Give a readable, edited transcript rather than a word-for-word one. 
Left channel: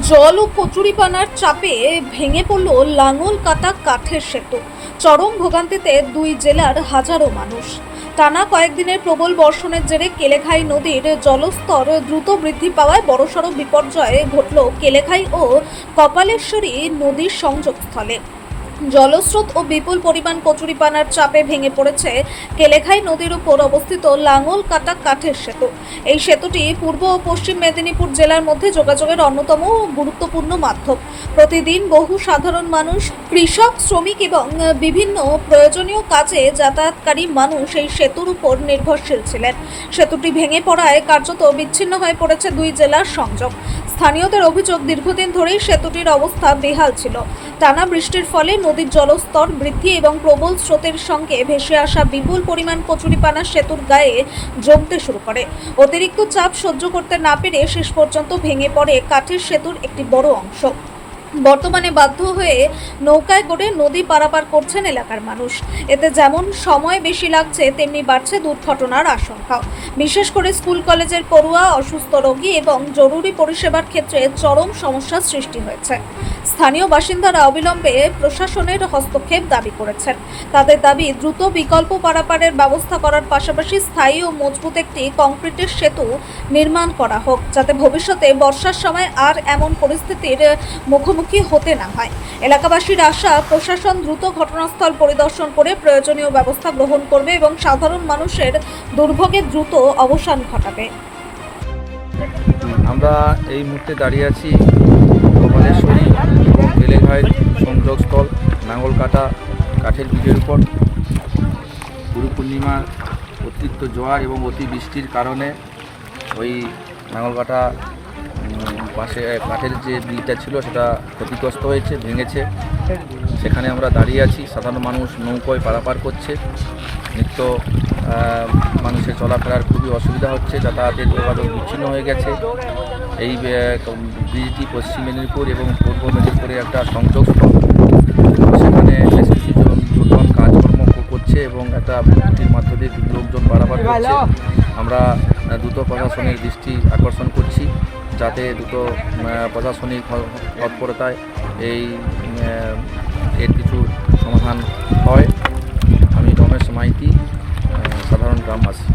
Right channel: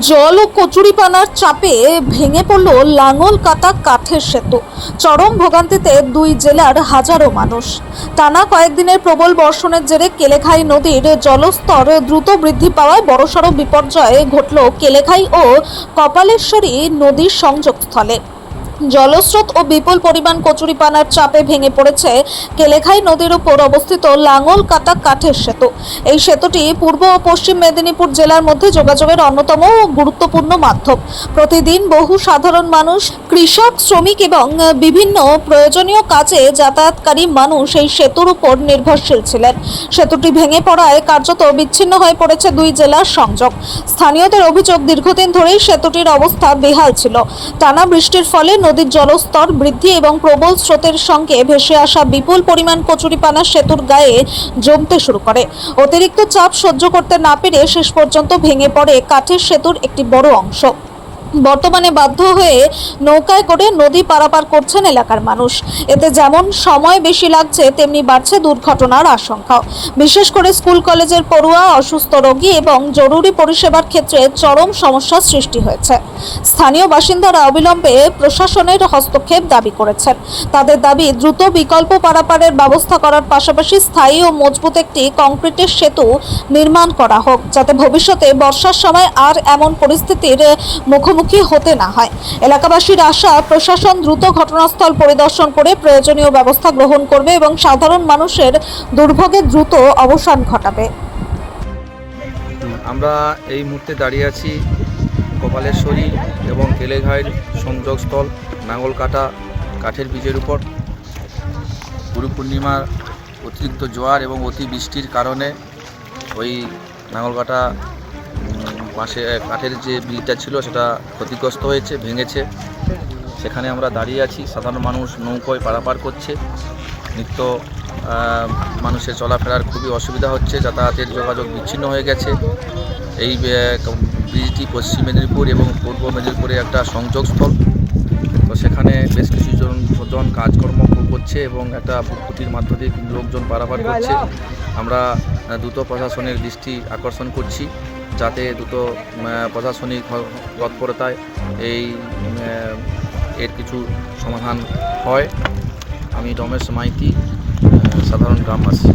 জল ও কচুরিপানার চাপে ভেঙে পড়ল লাঙল কাটা কাঠের সেতু। চরম ভোগান্তিতে দুই জেলার হাজারো মানুষ। টানা কয়েকদিনের প্রবল বর্ষণের জেরে কেলেঘাই নদীর জলস্তর দ্রুত বৃদ্ধি পাওয়ায় বড়সড় বিপর্যয় ঘটল কেলেঘাই ও কপালেশ্বরী নদীর সংযোগস্থলে। জলস্রোত ও বিপুল পরিমাণ কচুরিপানার চাপে ভেঙে পড়েছে কেলেঘাই নদীর উপর অবস্থিত লাঙল কাটা কাঠের সেতু। এই সেতুটি পূর্ব ও পশ্চিম মেদিনীপুর জেলার মধ্যে যোগাযোগের অন্যতম গুরুত্বপূর্ণ মাধ্যম। প্রতিদিন বহু সাধারণ মানুষ, কৃষক, শ্রমিক এবং বিভিন্ন প্রয়োজনীয় কাজে যাতায়াতকারী মানুষ এই সেতুর উপর নির্ভরশীল ছিলেন। সেতুটি ভেঙে পড়ায় কার্যত বিচ্ছিন্ন হয়ে পড়েছে দুই জেলার সংযোগ। স্থানীয়দের অভিযোগ, দীর্ঘদিন ধরেই সেতুটির অবস্থা বেহাল ছিল। টানা বৃষ্টির ফলে নদীর জলস্তর বৃদ্ধি এবং প্রবল স্রোতের সঙ্গে ভেসে আসা বিপুল পরিমাণ কচুরিপানা সেতুর গায়ে জমতে শুরু করে। অতিরিক্ত চাপ সহ্য করতে না পেরে শেষ পর্যন্ত ভেঙে পড়ে কাঠের সেতুর একটি বড় অংশ। বর্তমানে বাধ্য হয়ে নৌকায় করে নদী পারাপার করছেন এলাকার মানুষ। এতে যেমন সময় বেশি লাগছে, তেমনি বাড়ছে দুর্ঘটনার আশঙ্কাও। বিশেষ করে স্কুল কলেজের পড়ুয়া, অসুস্থ রোগী এবং জরুরি পরিষেবার ক্ষেত্রে চরম সমস্যার সৃষ্টি হয়েছে। স্থানীয় বাসিন্দারা অবিলম্বে প্রশাসনের হস্তক্ষেপ দাবি করেছেন। তাদের দাবি, দ্রুত বিকল্প পারাপারের ব্যবস্থা করার পাশাপাশি স্থায়ী ও মজবুত একটি কংক্রিটের সেতু নির্মাণ করা হোক, যাতে ভবিষ্যতে বর্ষার সময় আর এমন পরিস্থিতির মুখোমুখি হতে না হয়। এলাকাবাসীর আশা, প্রশাসন দ্রুত ঘটনাস্থল পরিদর্শন করে প্রয়োজনীয় ব্যবস্থা গ্রহণ করবে এবং সাধারণ মানুষের দুর্ভোগের দ্রুত অবসান ঘটাবে। আমরা এই মুহূর্তে দাঁড়িয়ে আছি কপালেশ্বরী এবং কেলেঘাইয়ের সংযোগস্থল নাঙ্গলকাটা কাঠের ব্রিজের উপর। গুরু পূর্ণিমার অতিরিক্ত জোয়ার এবং অতিবৃষ্টির কারণে ওই নাঙ্গলকাটা পাশে কাঠের যে ব্রিজটা ছিল সেটা ক্ষতিগ্রস্ত হয়েছে, ভেঙেছে। সেখানে আমরা দাঁড়িয়ে আছি। সাধারণ মানুষ নৌকোয় পারাপার করছে। নিত্য মানুষের চলাফেরার খুবই অসুবিধা হচ্ছে, যাতায়াতের যোগাযোগ বিচ্ছিন্ন হয়ে গেছে। এই ব্রিজটি পশ্চিম মেদিনীপুর এবং পূর্ব মেদিনীপুরে একটা সংযোগস্থল। সেখানে বেশ কিছুজন কাজকর্ম করছে এবং একটা ফুটফুটির মধ্য দিয়ে লোকজন পারাপার করছে। আমরা দ্রুত প্রশাসনের দৃষ্টি আকর্ষণ করছি, যাতে দ্রুত প্রশাসনিক তৎপরতায় এর কিছু সমাধান হয়। আমি রমেশ মাইতি, সাধারণ গ্রামবাসী।